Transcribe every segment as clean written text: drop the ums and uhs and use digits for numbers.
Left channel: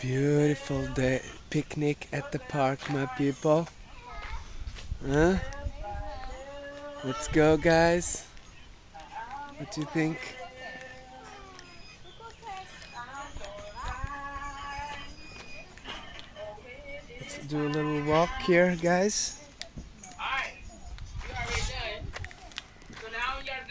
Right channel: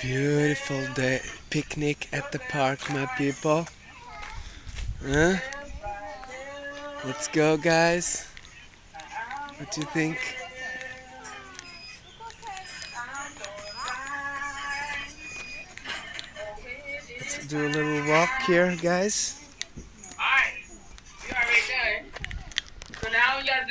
Beautiful day picnic at the park, my people. Huh? Let's go, guys. What do you think? Let's do a little walk here, guys.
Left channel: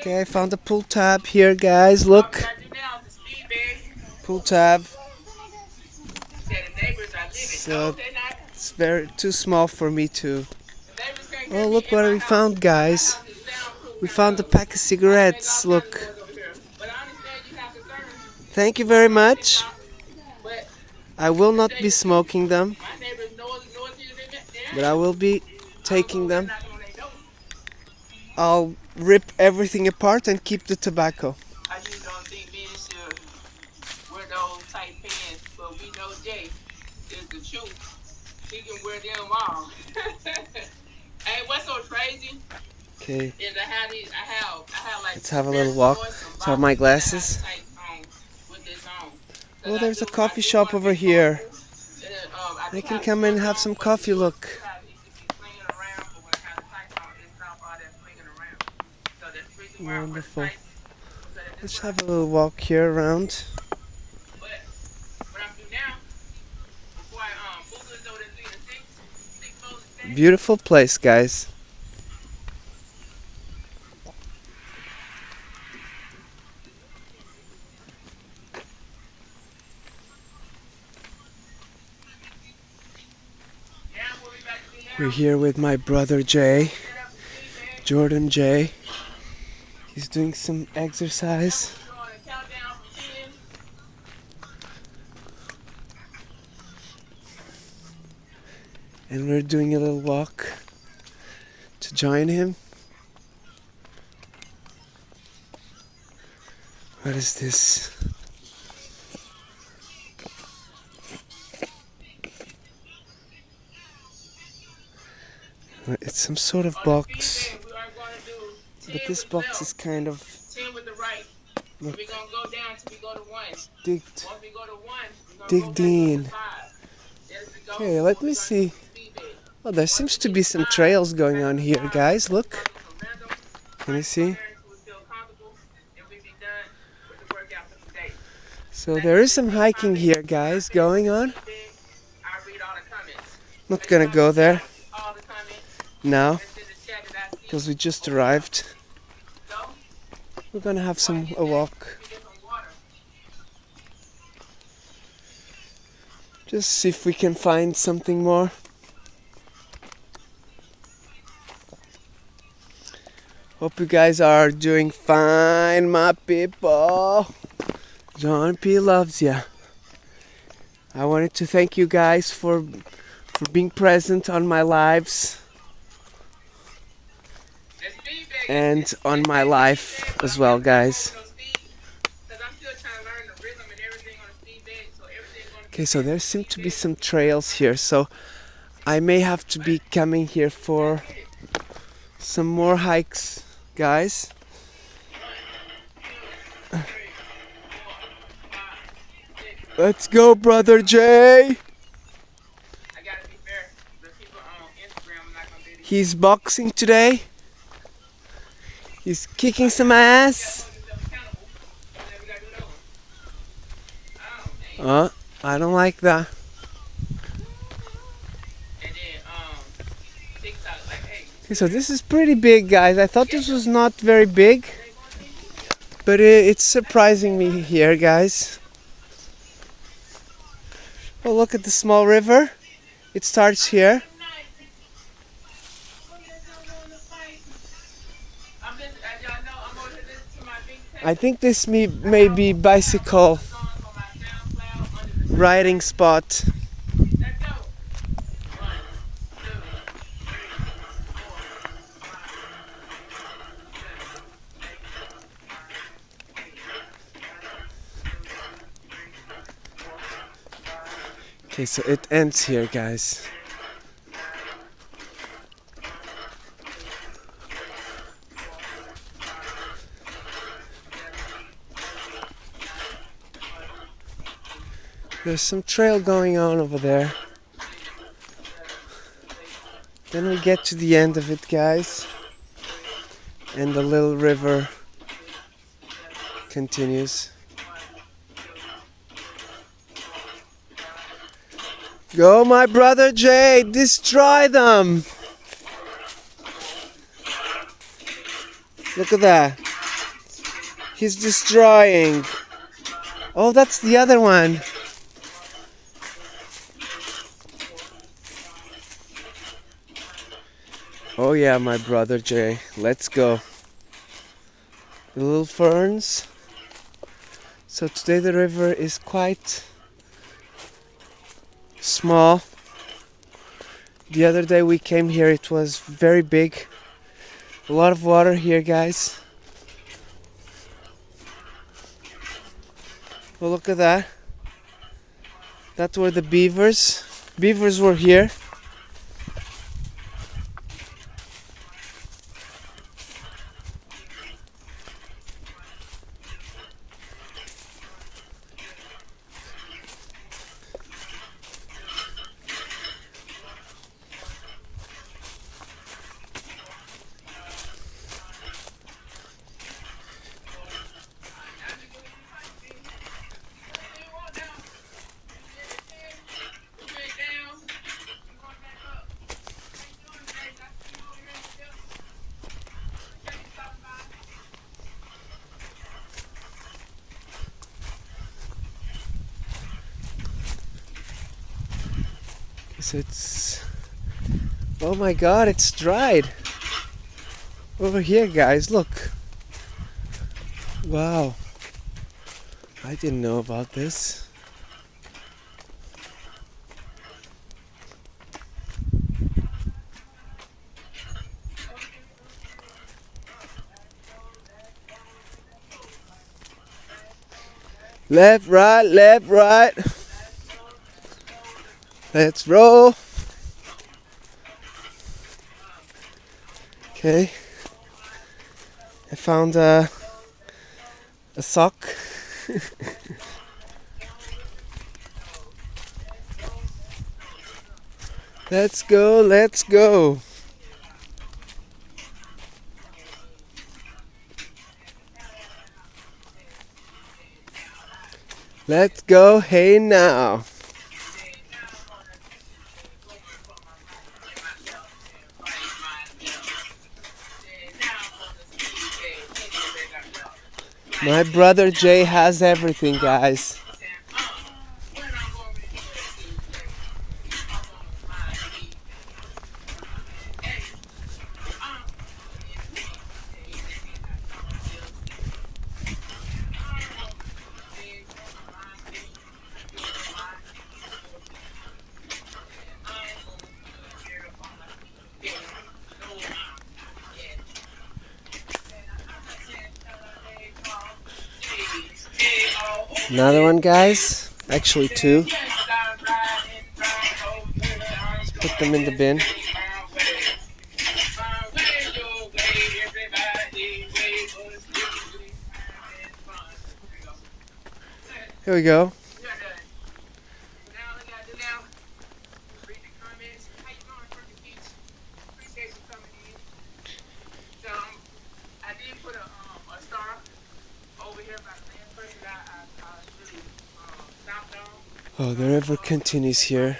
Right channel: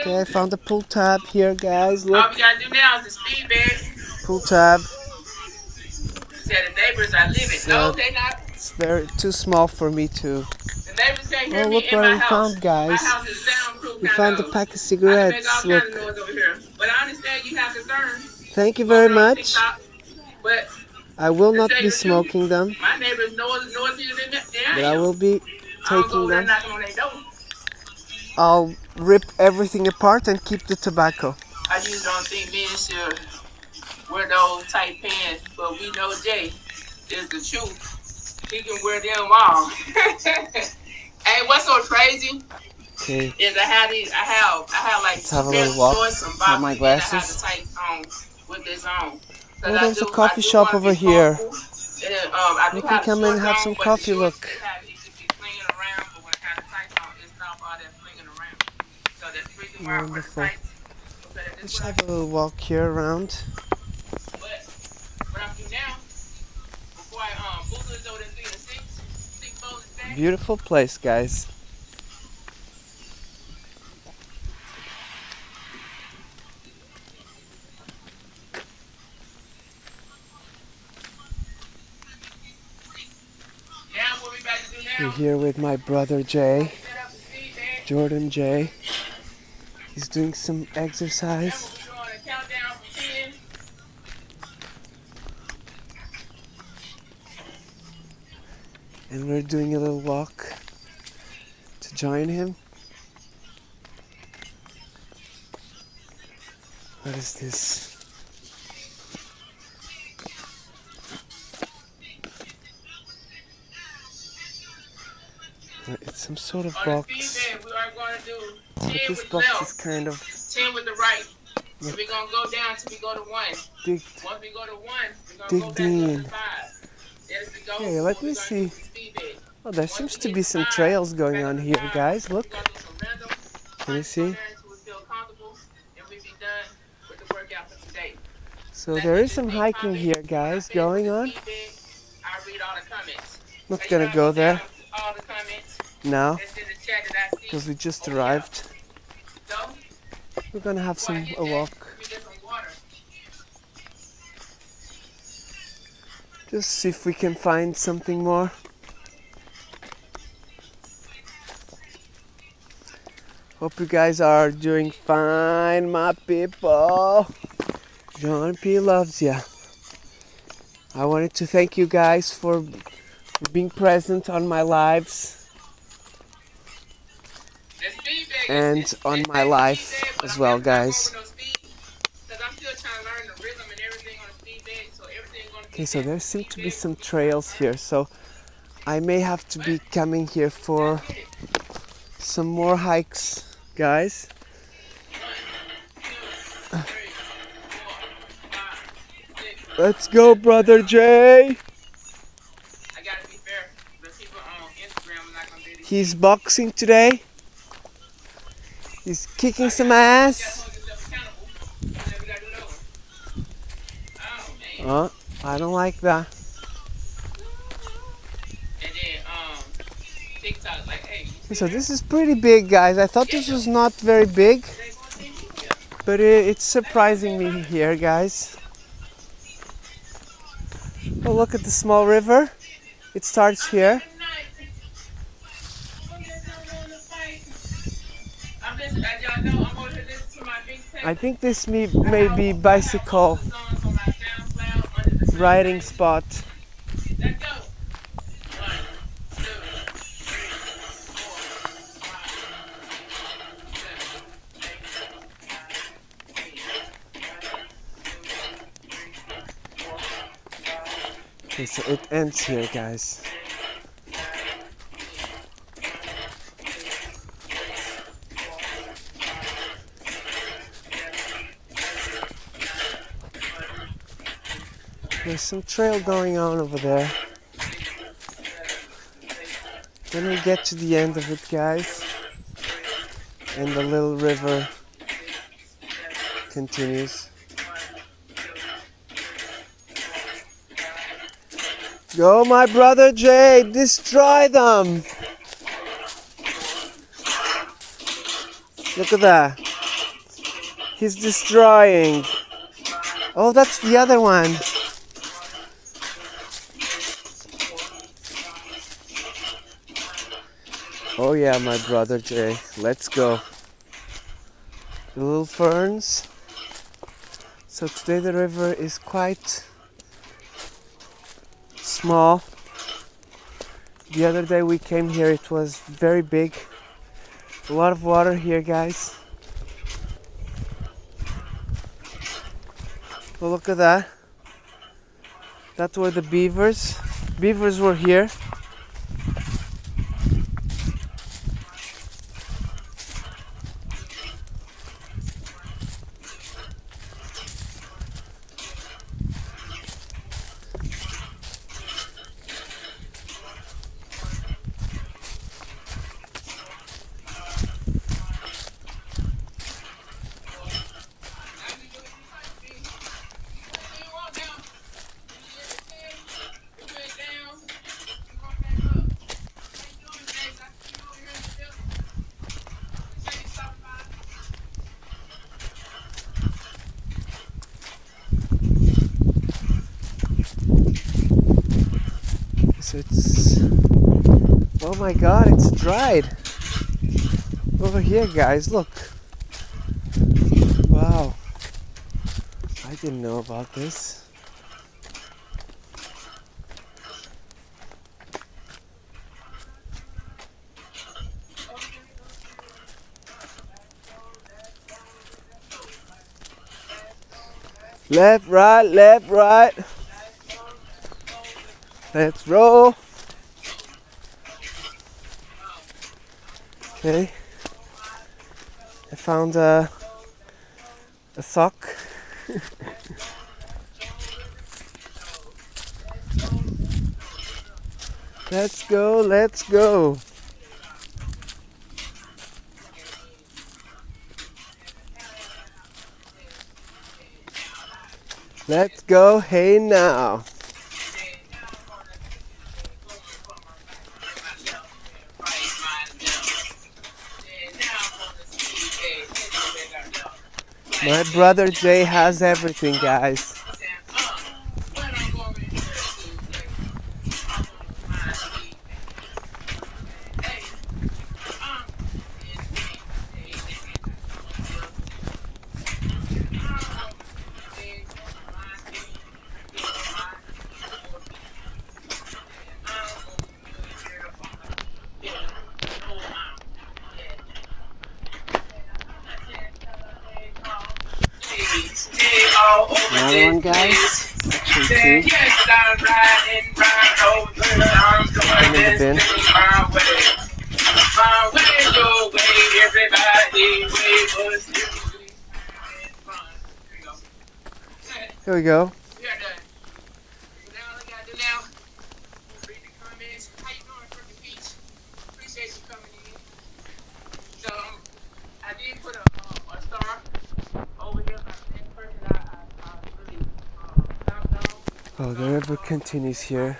Okay, I found the pull tab here, guys. Look. All we gotta do now is the speed bag. Pull tab. Said the neighbors are living. So No, they not. it's too small for me to. The neighbors can't hear Oh, me look in what my we house. found, guys. My house is soundproof. We found a pack of cigarettes. Look. But I understand you have concerns. Thank you very much. But I will not be smoking them, my neighbors know than but I will be taking them. knocking on their door. I'll rip everything apart and keep the tobacco. I just don't think men should wear those tight pants, but we know Jay is the truth. He can wear them all. Hey, what's so crazy? Okay. Is I have like Let's have a little walk. Have my glasses. Oh, there's a coffee shop over here. I can come and have some coffee, look. Wonderful. Let's have a little walk here around. Beautiful place, guys. We're here with my brother Jay, Jordan Jay. He's doing some exercise. And we're doing a little walk to join him. What is this? It's some sort of box. But this box is kind of 10 with the right. So we're gonna go down till we go to 1. digged, Once we go to 1, we're gonna digged go back in. to 5. There's the go. Okay, let me see. Oh, there seems to be some trails going on here, guys. Look. Can you see? So there is some hiking here, guys, going on. Not gonna go there now because we just arrived. We're gonna have a walk. Just see if we can find something more. Hope you guys are doing fine, my people. John P loves ya. I wanted to thank you guys for being present on my lives and on my life as well, guys. Okay, so there seem to be some trails here, so I may have to be coming here for some more hikes, guys. Let's go, brother Jay. He's boxing today. He's kicking some ass. I don't like that. Okay, so this is pretty big, guys. I thought this was not very big, but it's surprising me here, guys. Oh, look at the small river. It starts here. I think this may be bicycle riding spot. Okay, so it ends here, guys. There's some trail going on over there. Then we get to the end of it, guys. And the little river continues. Go, my brother Jay, destroy them! Look at that. He's destroying. Oh, that's the other one. Oh yeah, my brother Jay. Let's go. Little ferns. So today the river is quite small. The other day we came here, it was very big. A lot of water here, guys. Well, look at that. That's where the beavers were here. So it's, oh my god, it's dried. Over here, guys, look. Wow. I didn't know about this. Left, right, left, right. Let's roll. Okay. I found a sock. Let's go, let's go. Let's go, hey now. My brother Jay has everything, guys. Another one, guys. Actually two. Put them in the bin. Here we go. Oh, the river continues here.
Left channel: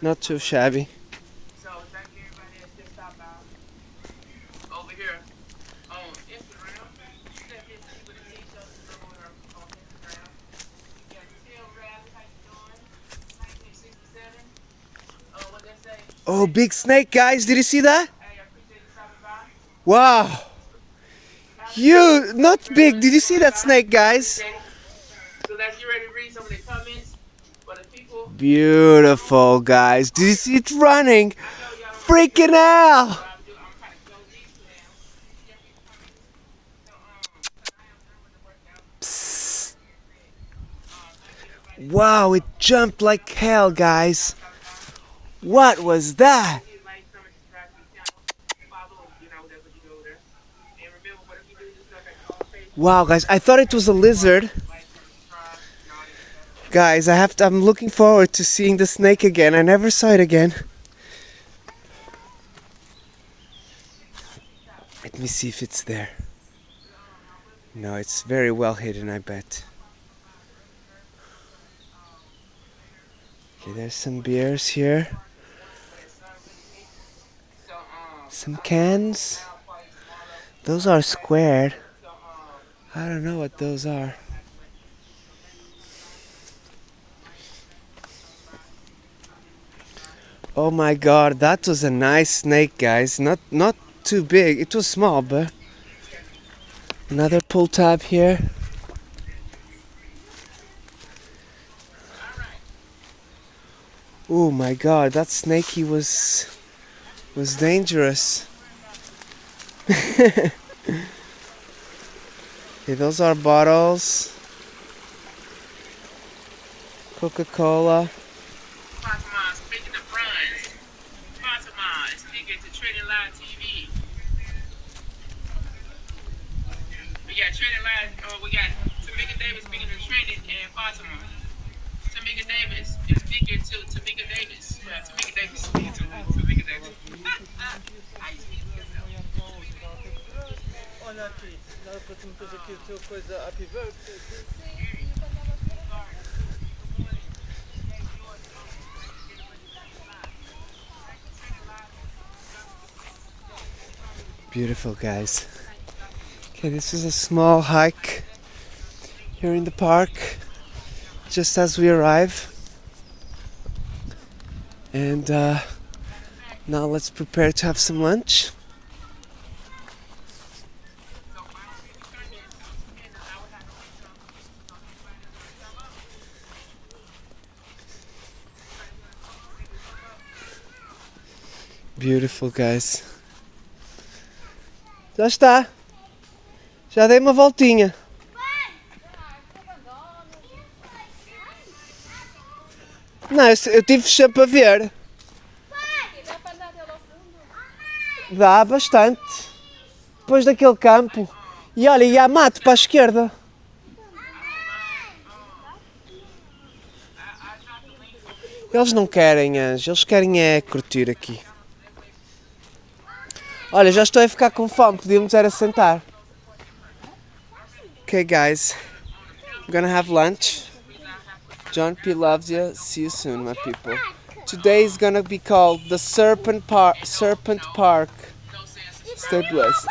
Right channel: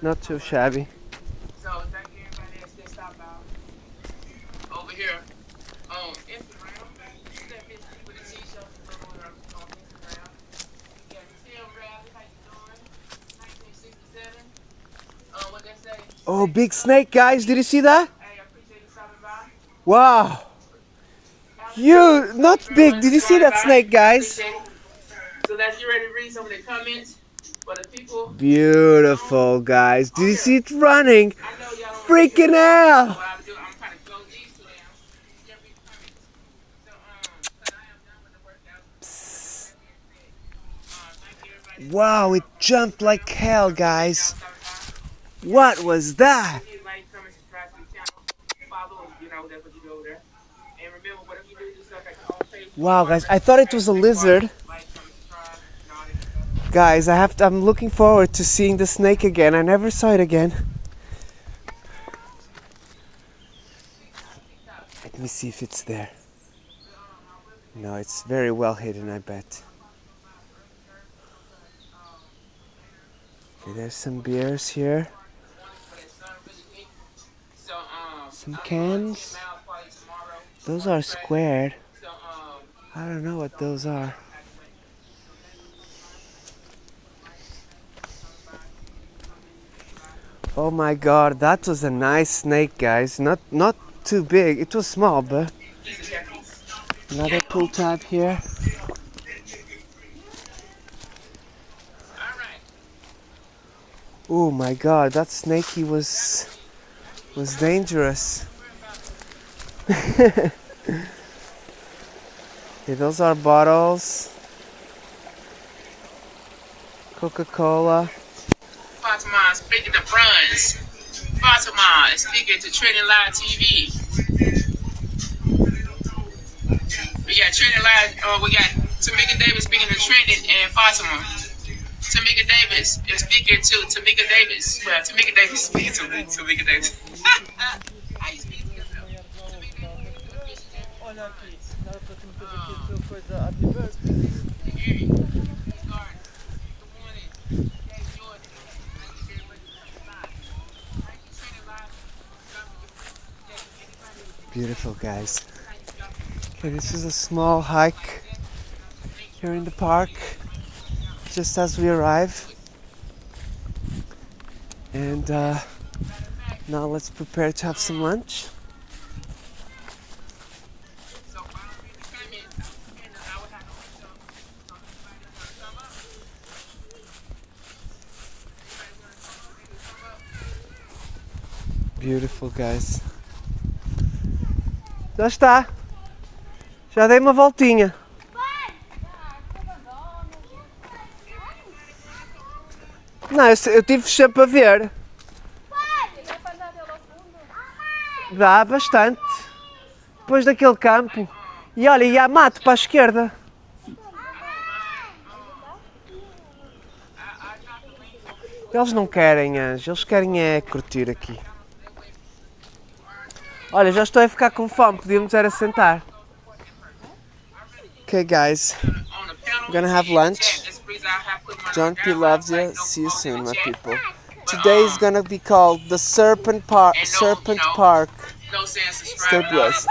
Not too shabby. So thank you everybody that still stopped by over here on Instagram. You can hit me with a t-shirt on Instagram. You got Tim Bradley, how you doing? 1967. What they say? Oh, big snake, guys. Did you see that? Hey, I appreciate you stopping by. Wow. Huge, not big. Did you see that snake, guys? So let's get ready to read some of the comments for the people. Beautiful, guys. Did you see it running? Freaking out. Psst. Wow, it jumped like hell, guys. What was that? Wow, guys, I thought it was a lizard. Guys, I'm looking forward to seeing the snake again. I never saw it again. Let me see if it's there. No, it's very well hidden, I bet. Okay, there's some beers here. Some cans. Those are squared. I don't know what those are. Oh my god, that was a nice snake, guys. Not too big. It was small, but another pull tab here. Oh my god, that snakey was dangerous. Okay, those are bottles. Coca-Cola. Fatima speaking to friends. Fatima is speaking to Trending Live TV. We got Trending Live. We got Tamika Davis speaking to Trending and Fatima. Tamika Davis is speaking to Tamika Davis. Well, Tamika Davis speaking to Tamika Davis. How you speak to yourself? Olha aqui, ela trouxe aqui coisa Happy Birthday. Beautiful, guys. Okay, this is a small hike here in the park just as we arrive. And now let's prepare to have some lunch. Beautiful, guys. Já está. Já dei uma voltinha. Não, eu tive sempre a ver. Dá bastante. Depois daquele campo. E olha, e há mato para a esquerda. Eles não querem, Anjo. Eles querem é curtir aqui. Olha, já estou a ficar com fome. Podíamos era sentar. Okay, guys. We're gonna have lunch. John P loves you. See you soon, my people. Today is gonna be called the Serpent Park. Stay blessed.